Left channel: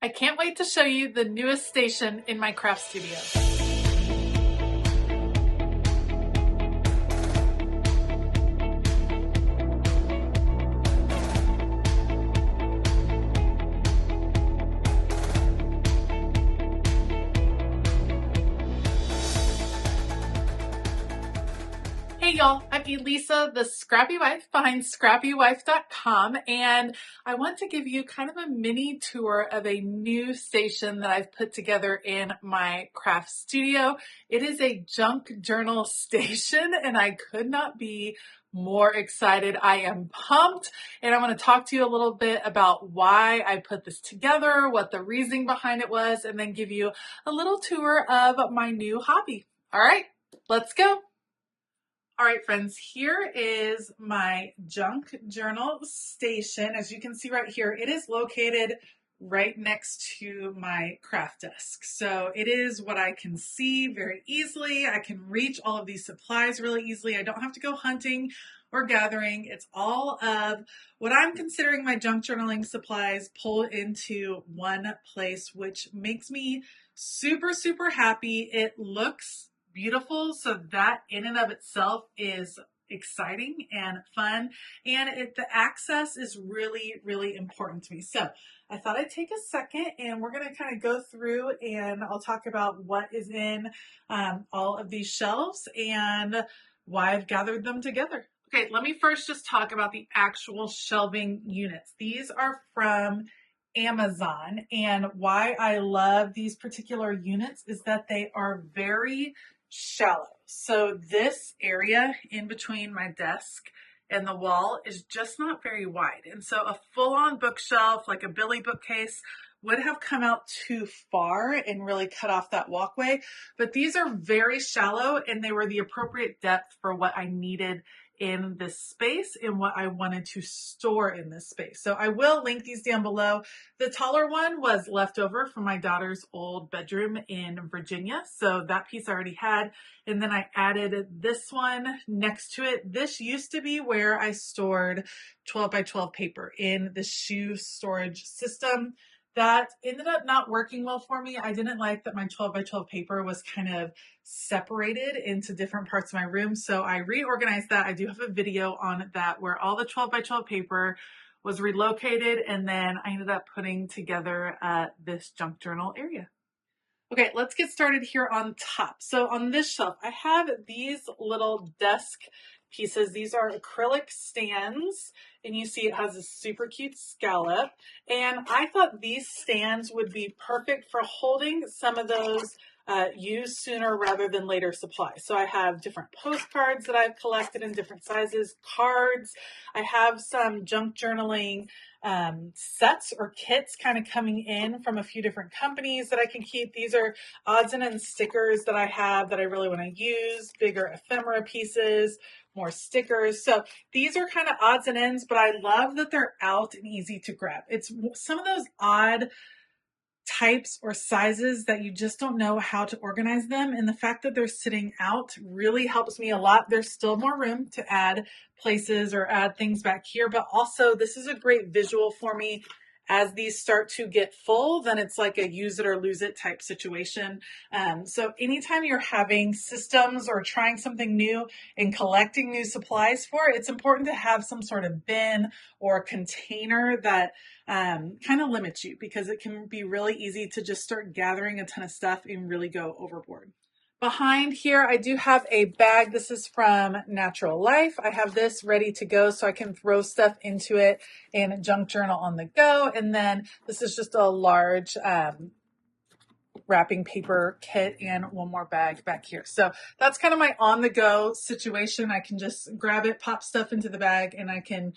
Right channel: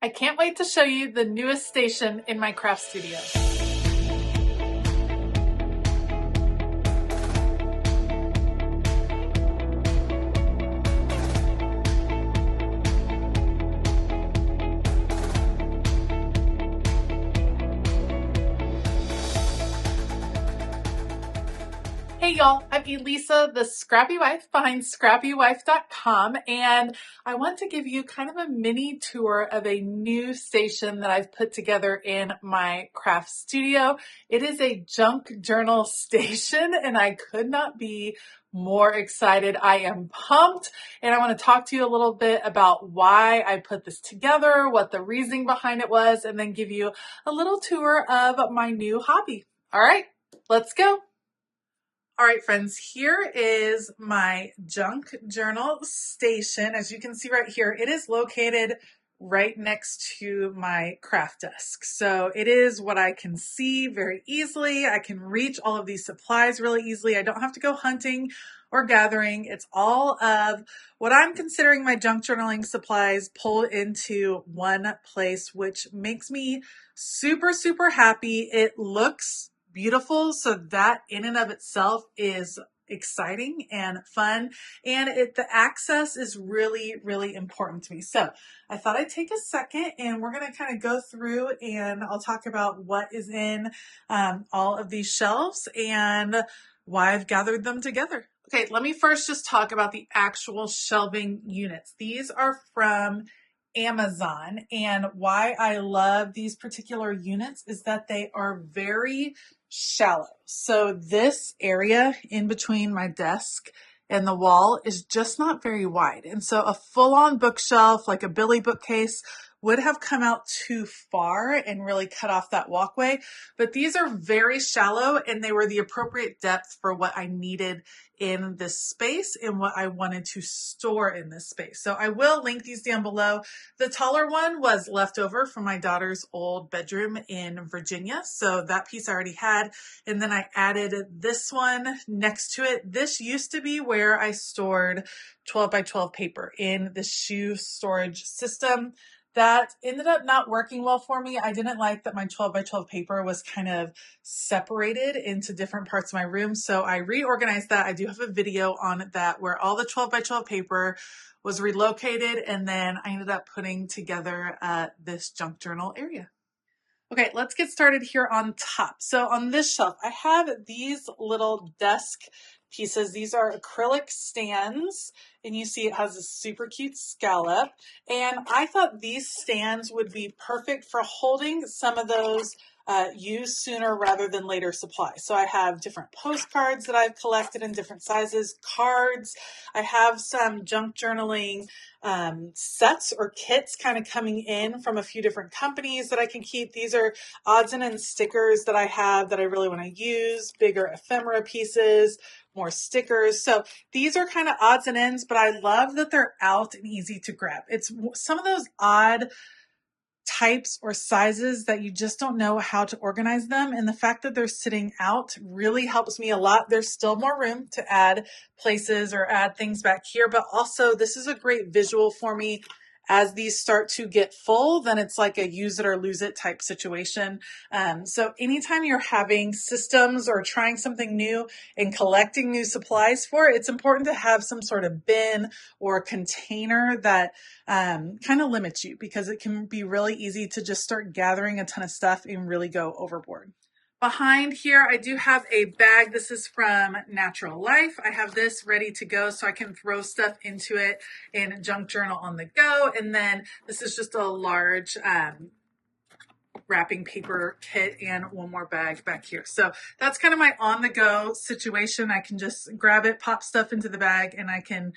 I can't wait to show you the newest station in my craft studio. Hey y'all, I'm Elisa, the Scrappy Wife behind ScrappyWife.com, and I want to give you kind of a mini tour of a new station that I've put together in my craft studio. It is a junk journal station, and I could not be more excited. I am pumped, and I want to talk to you a little bit about why I put this together, what the reasoning behind it was, and then give you a little tour of my new hobby. All right, let's go. All right, friends, here is my junk journal station. As you can see right here, it is located right next to my craft desk. So it is what I can see very easily. I can reach all of these supplies really easily. I don't have to go hunting or gathering. It's all of what I'm considering my junk journaling supplies pulled into one place, which makes me super, super happy. It looks beautiful. So that in and of itself is exciting and fun. And the access is really, really important to me. So I thought I'd take a second and we're going to kind of go through and I'll talk about what is in all of these shelves and why I've gathered them together. Okay, let me first just talk about the actual shelving units. These are from Amazon, and why I love these particular units is that they are very shallow. So this area in between my desk and the wall is just not very wide. And so a full-on bookshelf, like a Billy bookcase, would have come out too far and really cut off that walkway. But these are very shallow and they were the appropriate depth for what I needed in this space and what I wanted to store in this space. So I will link these down below. The taller one was left over from my daughter's old bedroom in Virginia. So that piece I already had. And then I added this one next to it. This used to be where I stored 12 by 12 paper in the shoe storage system. That ended up not working well for me. I didn't like that my 12 by 12 paper was kind of separated into different parts of my room. So I reorganized that. I do have a video on that where all the 12 by 12 paper was relocated. And then I ended up putting together this junk journal area. Okay, let's get started here on top. So on this shelf, I have these little desk pieces. These are acrylic stands, and you see it has a super cute scallop. And I thought these stands would be perfect for holding some of those use sooner rather than later supplies. So I have different postcards that I've collected in different sizes, cards. I have some junk journaling sets or kits kind of coming in from a few different companies that I can keep. These are odds and ends stickers that I have that I really want to use, bigger ephemera pieces, more stickers. So these are kind of odds and ends, but I love that they're out and easy to grab. It's some of those odd types or sizes that you just don't know how to organize them. And the fact that they're sitting out really helps me a lot. There's still more room to add places or add things back here, but also this is a great visual for me. As these start to get full, then it's like a use it or lose it type situation. So anytime you're having systems or trying something new and collecting new supplies for it, it's important to have some sort of bin or container that kind of limits you, because it can be really easy to just start gathering a ton of stuff and really go overboard. Behind here, I do have a bag. This is from Natural Life. I have this ready to go so I can throw stuff into it in junk journal on the go. And then this is just a large wrapping paper kit and one more bag back here. So that's kind of my on the go situation. I can just grab it, pop stuff into the bag, and I can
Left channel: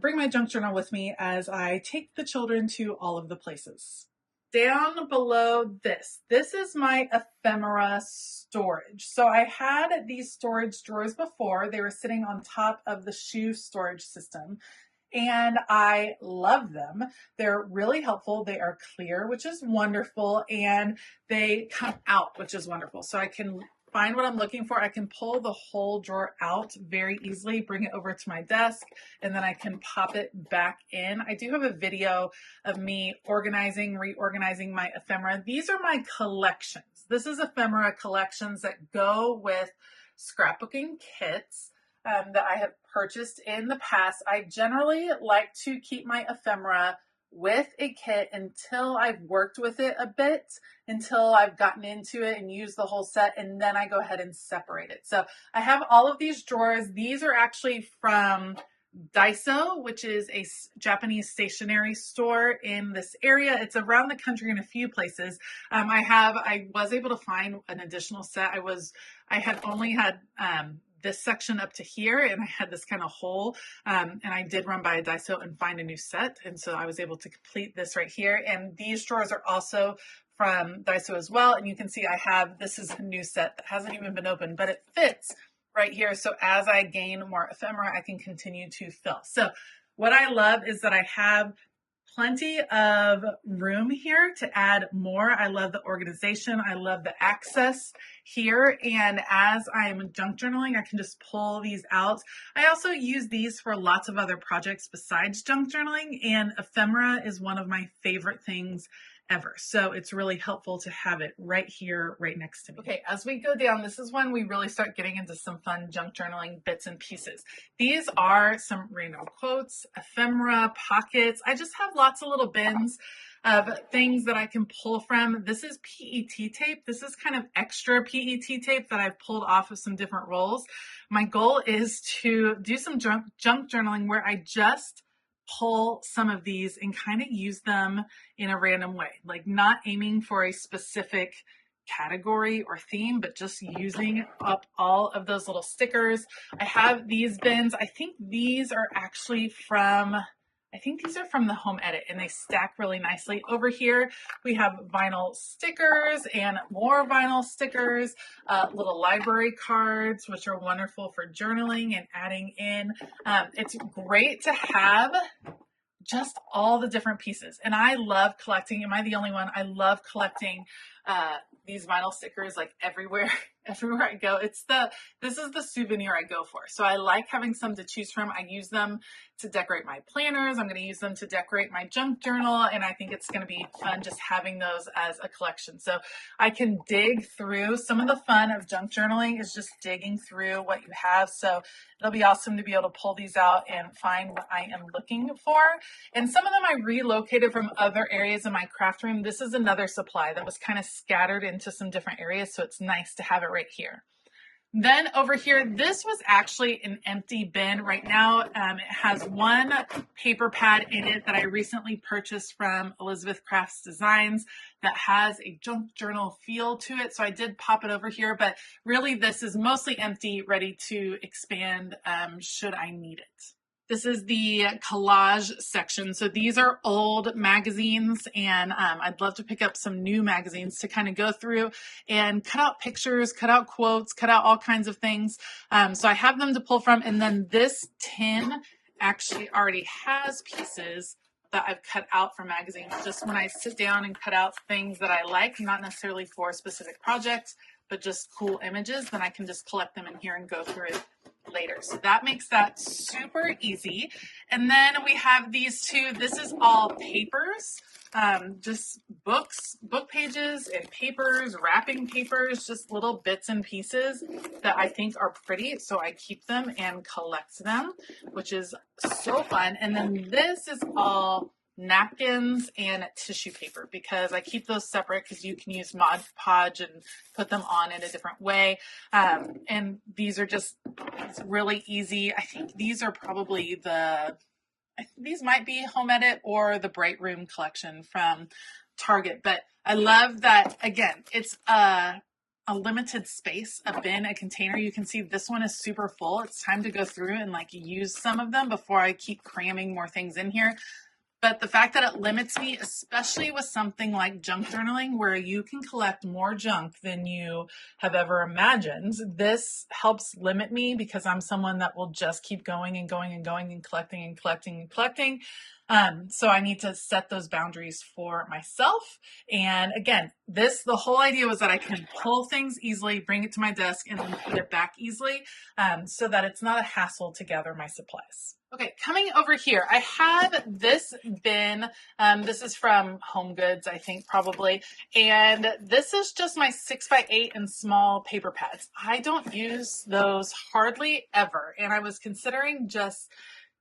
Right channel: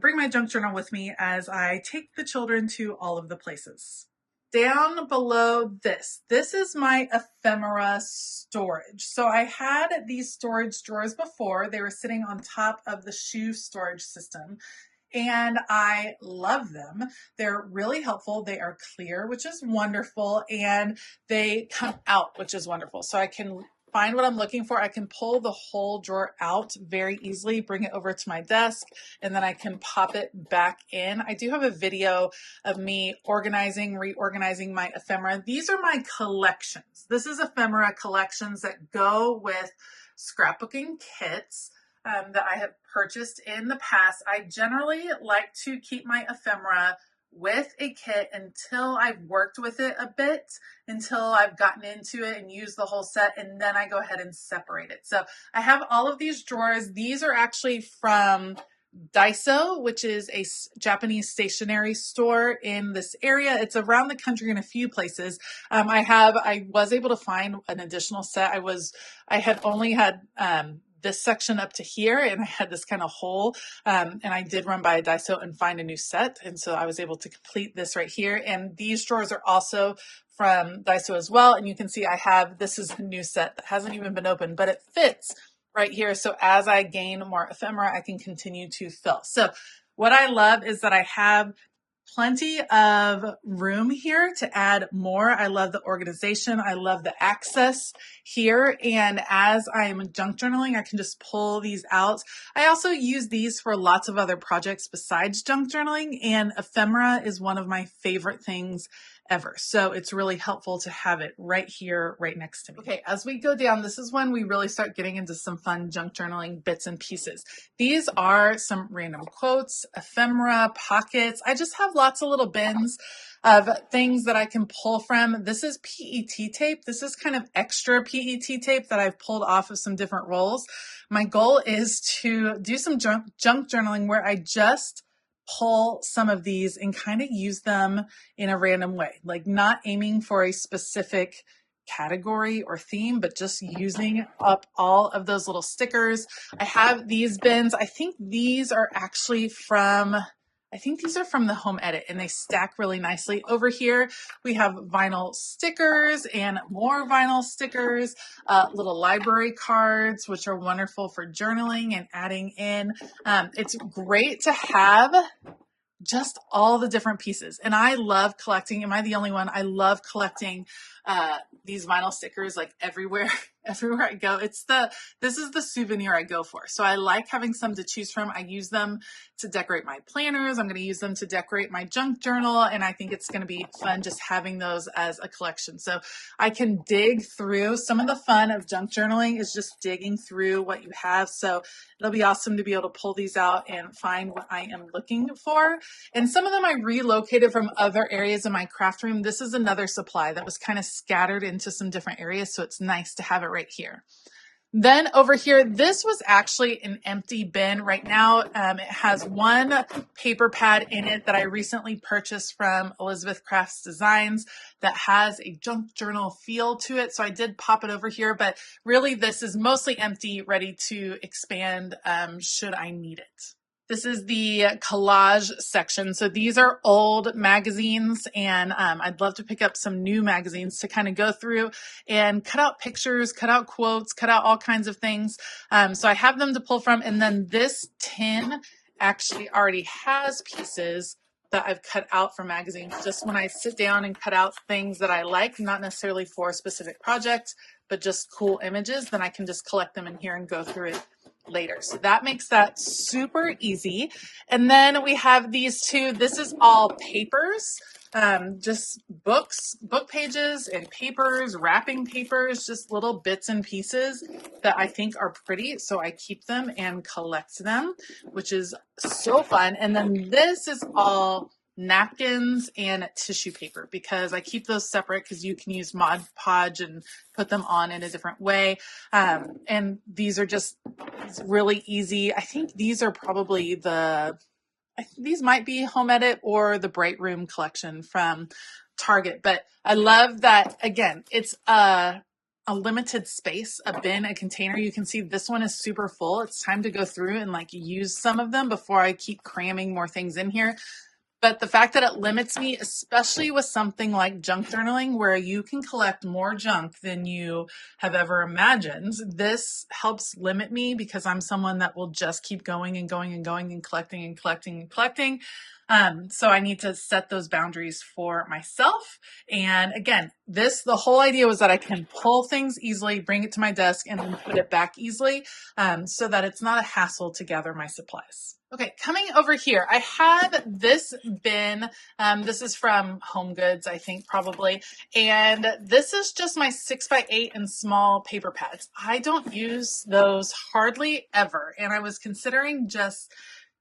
bring my junk journal with me as I take the children to all of the places. Down below this is my ephemera storage. So I had these storage drawers before. They were sitting on top of the shoe storage system, and I love them. They're really helpful. They are clear, which is wonderful, and they come out, which is wonderful. So I can find what I'm looking for, I can pull the whole drawer out very easily, bring it over to my desk, and then I can pop it back in. I do have a video of me organizing, reorganizing my ephemera. These are my collections. This is ephemera collections that go with scrapbooking kits that I have purchased in the past. I generally like to keep my ephemera with a kit until I've worked with it a bit, until I've gotten into it and used the whole set, and then I go ahead and separate it. So I have all of these drawers. These are actually from Daiso, which is a Japanese stationery store in this area. It's around the country in a few places. I was able to find an additional set. I had only had this section up to here, and I had this kind of hole, and I did run by a Daiso and find a new set, and so I was able to complete this right here. And these drawers are also from Daiso as well, and you can see this is a new set that hasn't even been opened, but it fits right here. So as I gain more ephemera, I can continue to fill. So what I love is that I have plenty of room here to add more. I love the organization. I love the access here. And as I am junk journaling, I can just pull these out. I also use these for lots of other projects besides junk journaling, and ephemera is one of my favorite things ever. So it's really helpful to have it right here, right next to me. Okay, as we go down, this is when we really start getting into some fun junk journaling bits and pieces. These are some random quotes, ephemera, pockets. I just have lots of little bins of things that I can pull from. This is PET tape. This is kind of extra PET tape that I've pulled off of some different rolls. My goal is to do some junk journaling where I just pull some of these and kind of use them in a random way, like not aiming for a specific category or theme, but just using up all of those little stickers. I have these bins. I think these are from the Home Edit, and they stack really nicely. Over here, we have vinyl stickers and more vinyl stickers, little library cards, which are wonderful for journaling and adding in. It's great to have just all the different pieces. And I love collecting. Am I the only one? I love collecting these vinyl stickers like everywhere I go. This is the souvenir I go for. So I like having some to choose from. I use them to decorate my planners. I'm going to use them to decorate my junk journal. And I think it's going to be fun just having those as a collection. So I can dig through. Some of the fun of junk journaling is just digging through what you have. So it'll be awesome to be able to pull these out and find what I am looking for. And some of them I relocated from other areas in my craft room. This is another supply that was kind of scattered into some different areas. So it's nice to have it right here. Then over here, this was actually an empty bin right now. It has one paper pad in it that I recently purchased from Elizabeth Crafts Designs that has a junk journal feel to it. So I did pop it over here, but really this is mostly empty, ready to expand should I need it. This is the collage section. So these are old magazines, and I'd love to pick up some new magazines to kind of go through and cut out pictures, cut out quotes, cut out all kinds of things. So I have them to pull from. And then this tin actually already has pieces that I've cut out from magazines. Just when I sit down and cut out things that I like, not necessarily for a specific project, but just cool images, then I can just collect them in here and go through it later. So that makes that super easy. And then we have these two. This is all papers, just books, book pages and papers, wrapping papers, just little bits and pieces that I think are pretty. So I keep them and collect them, which is so fun. And then this is all napkins and tissue paper, because I keep those separate because you can use Mod Podge and put them on in a different way. And these are just really easy. I think these are probably these might be Home Edit or the Bright Room collection from Target. But I love that, again, it's a limited space, a bin, a container. You can see this one is super full. It's time to go through and like use some of them before I keep cramming more things in here. But the fact that it limits me, especially with something like junk journaling, where you can collect more junk than you have ever imagined, this helps limit me because I'm someone that will just keep going and going and going and collecting and collecting and collecting. So I need to set those boundaries for myself. And again, the whole idea was that I can pull things easily, bring it to my desk, and then put it back easily, so that it's not a hassle to gather my supplies. Okay, coming over here, I have this bin. This is from Home Goods, I think, probably. And this is just my 6x8 and small paper pads. I don't use those hardly ever. And I was considering just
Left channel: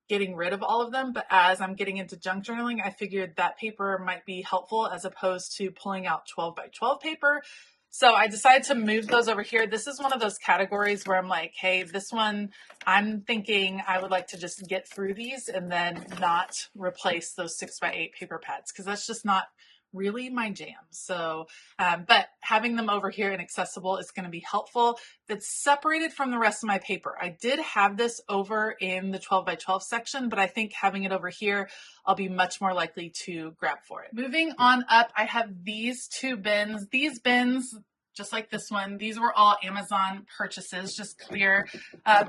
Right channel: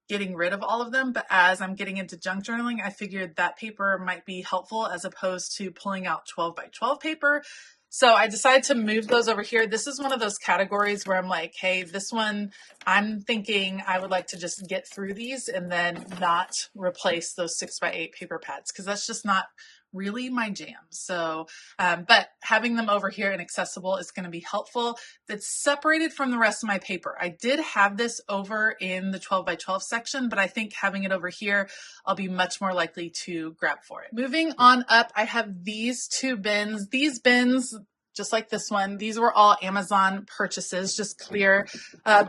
getting rid of all of them, but as I'm getting into junk journaling, I figured that paper might be helpful as opposed to pulling out 12x12 paper. So I decided to move those over here. This is one of those categories where I'm like, hey, this one, I'm thinking I would like to just get through these and then not replace those 6x8 paper pads, because that's just not really my jam. So, but having them over here and accessible is going to be helpful. That's separated from the rest of my paper. I did have this over in the 12x12 section, but I think having it over here, I'll be much more likely to grab for it. Moving on up, I have these two bins. These bins, just like this one, these were all Amazon purchases, just clear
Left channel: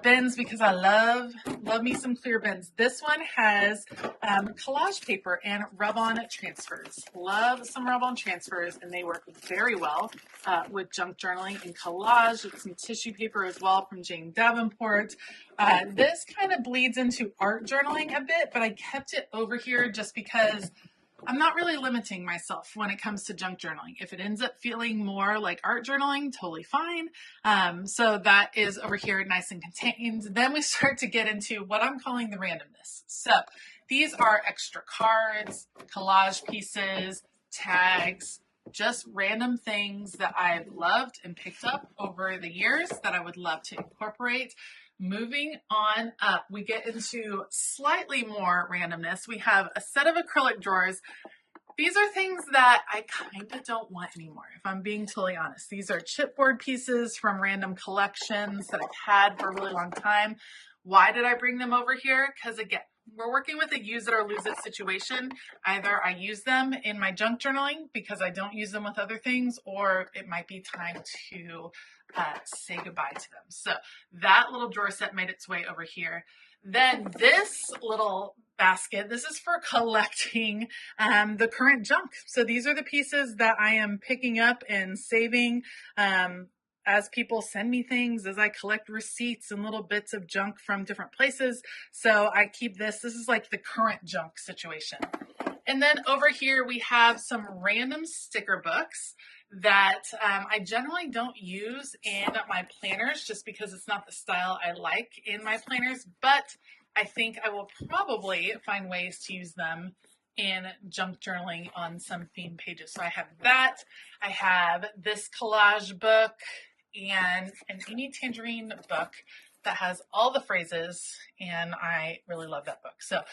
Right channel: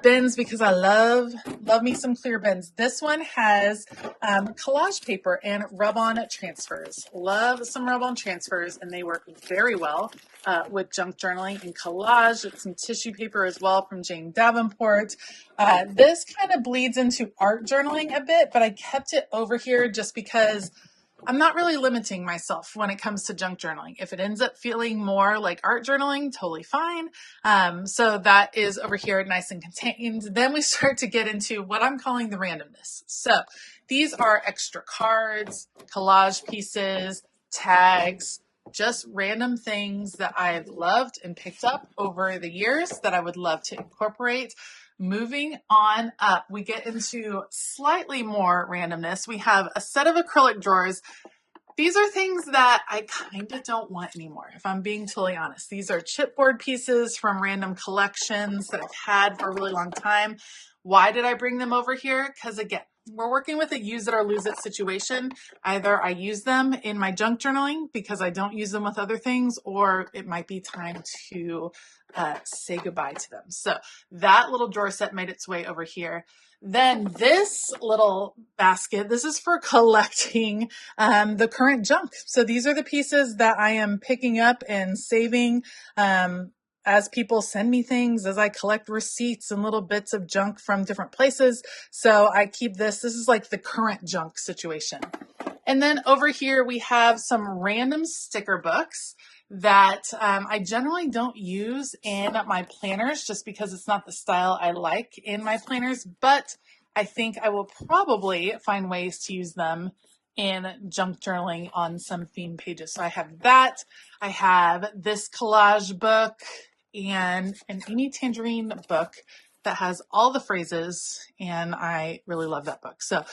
bins, because I love me some clear bins. This one has collage paper and rub-on transfers. Love some rub-on transfers, and they work very well with junk journaling and collage, with some tissue paper as well from Jane Davenport. This kind of bleeds into art journaling a bit, but I kept it over here just because I'm not really limiting myself when it comes to junk journaling. If it ends up feeling more like art journaling, totally fine. So that is over here, nice and contained. Then we start to get into what I'm calling the randomness. So these are extra cards, collage pieces, tags, just random things that I've loved and picked up over the years that I would love to incorporate. Moving on up, we get into slightly more randomness. We have a set of acrylic drawers. These are things that I kind of don't want anymore, if I'm being totally honest. These are chipboard pieces from random collections that I've had for a really long time. Why did I bring them over here? Because again, we're working with a use it or lose it situation. Either I use them in my junk journaling because I don't use them with other things, or it might be time to say goodbye to them. So that little drawer set made its way over here. Then this little basket, this is for collecting the current junk. So these are the pieces that I am picking up and saving as people send me things, as I collect receipts and little bits of junk from different places. So I keep this. This is like the current junk situation. And then over here, we have some random sticker books that I generally don't use in my planners just because it's not the style I like in my planners, but I think I will probably find ways to use them in junk journaling on some theme pages. So I have that. I have this collage book and an Amy Tangerine book that has all the phrases, and I really love that book. So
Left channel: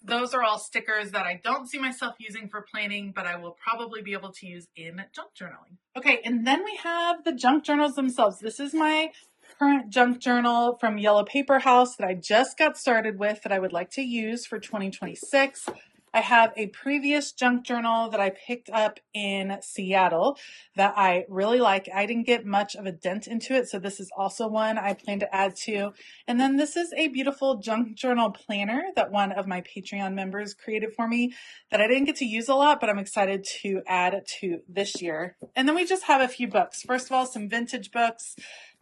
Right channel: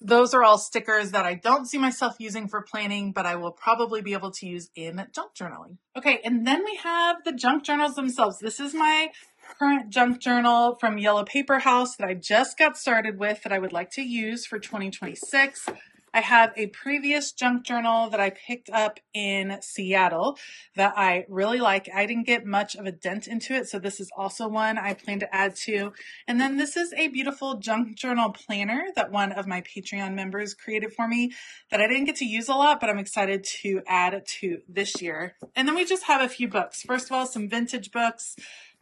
those are all stickers that I don't see myself using for planning, but I will probably be able to use in junk journaling. Okay, and then we have the junk journals themselves. This is my current junk journal from Yellow Paper House that I just got started with that I would like to use for 2026. I have a previous junk journal that I picked up in Seattle that I really like. I didn't get much of a dent into it, so this is also one I plan to add to. And then this is a beautiful junk journal planner that one of my Patreon members created for me that I didn't get to use a lot, but I'm excited to add to this year. And then we just have a few books. First of all, some vintage books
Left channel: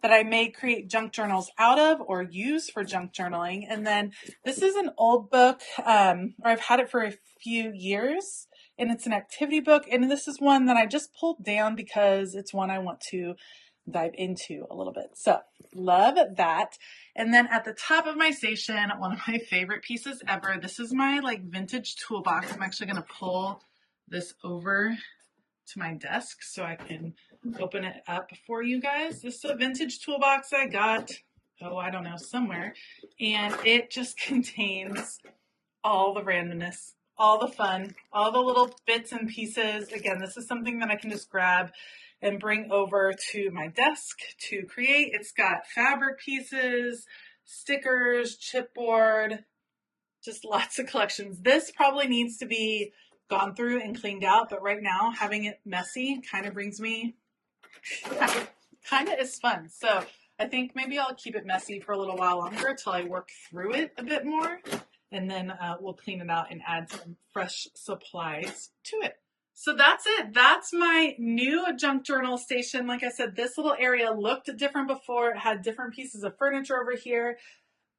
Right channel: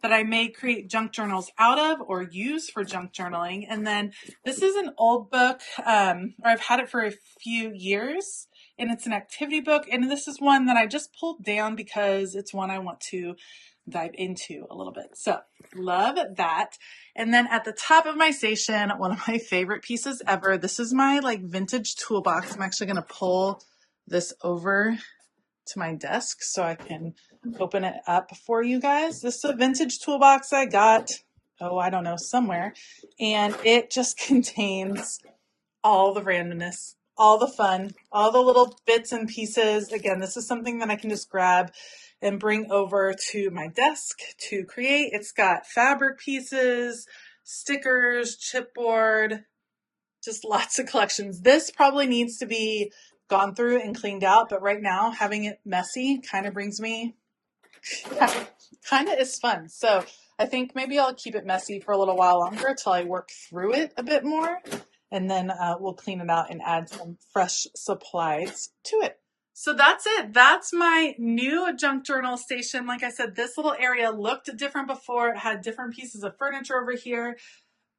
that I may create junk journals out of or use for junk journaling. And then this is an old book, or I've had it for a few years, and it's an activity book. And this is one that I just pulled down because it's one I want to dive into a little bit. So love that. And then at the top of my station, one of my favorite pieces ever, this is my like vintage toolbox. I'm actually going to pull this over to my desk so I can open it up for you guys. This is a vintage toolbox I got, I don't know, somewhere. And it just contains all the randomness, all the fun, all the little bits and pieces. Again, this is something that I can just grab and bring over to my desk to create. It's got fabric pieces, stickers, chipboard, just lots of collections. This probably needs to be gone through and cleaned out, but right now having it messy kind of brings me, kind of is fun. So I think maybe I'll keep it messy for a little while longer until I work through it a bit more. and then we'll clean it out and add some fresh supplies to it. So that's it. That's my new junk journal station. Like I said, this little area looked different before. It had different pieces of furniture over here.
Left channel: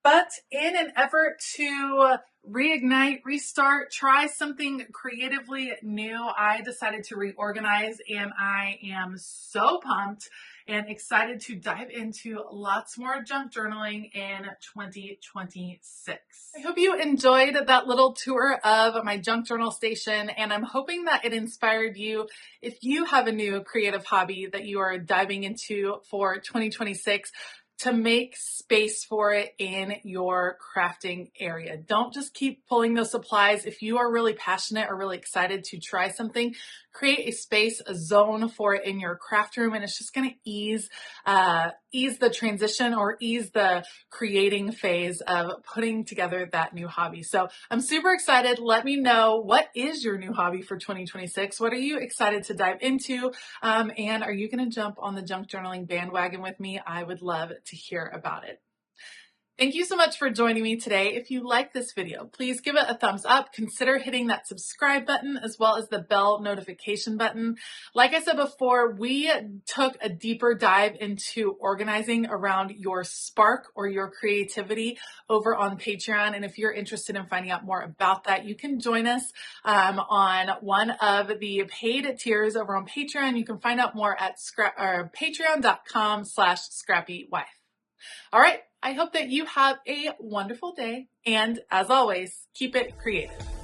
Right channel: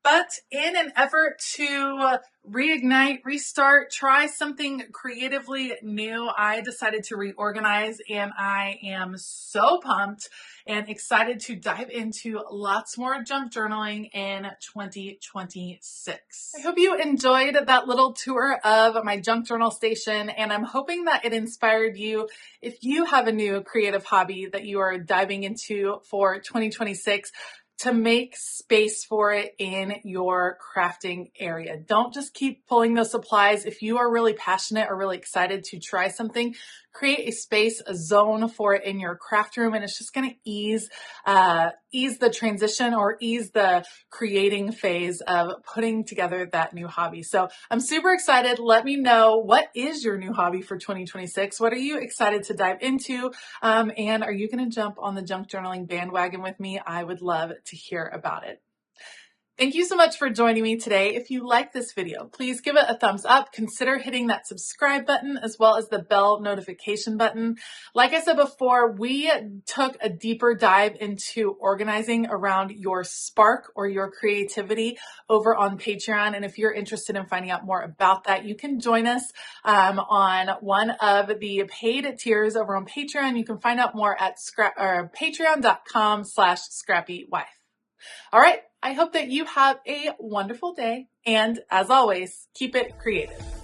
But in an effort to reignite, restart, try something creatively new, I decided to reorganize, and I am so pumped and excited to dive into lots more junk journaling in 2026. I hope you enjoyed that little tour of my junk journal station, and I'm hoping that it inspired you. If you have a new creative hobby that you are diving into for 2026, to make space for it in your crafting area. Don't just keep pulling those supplies. If you are really passionate or really excited to try something, create a space, a zone for it in your craft room, and it's just going to ease the transition or ease the creating phase of putting together that new hobby. So I'm super excited. Let me know, what is your new hobby for 2026? What are you excited to dive into? And are you going to jump on the junk journaling bandwagon with me? I would love to hear about it. Thank you so much for joining me today. If you like this video, please give it a thumbs up. Consider hitting that subscribe button as well as the bell notification button. Like I said before, we took a deeper dive into organizing around your spark or your creativity over on Patreon. And if you're interested in finding out more about that, you can join us on one of the paid tiers over on Patreon. You can find out more at patreon.com/ScrappyWife. All right. I hope that you have a wonderful day. And as always, keep it creative.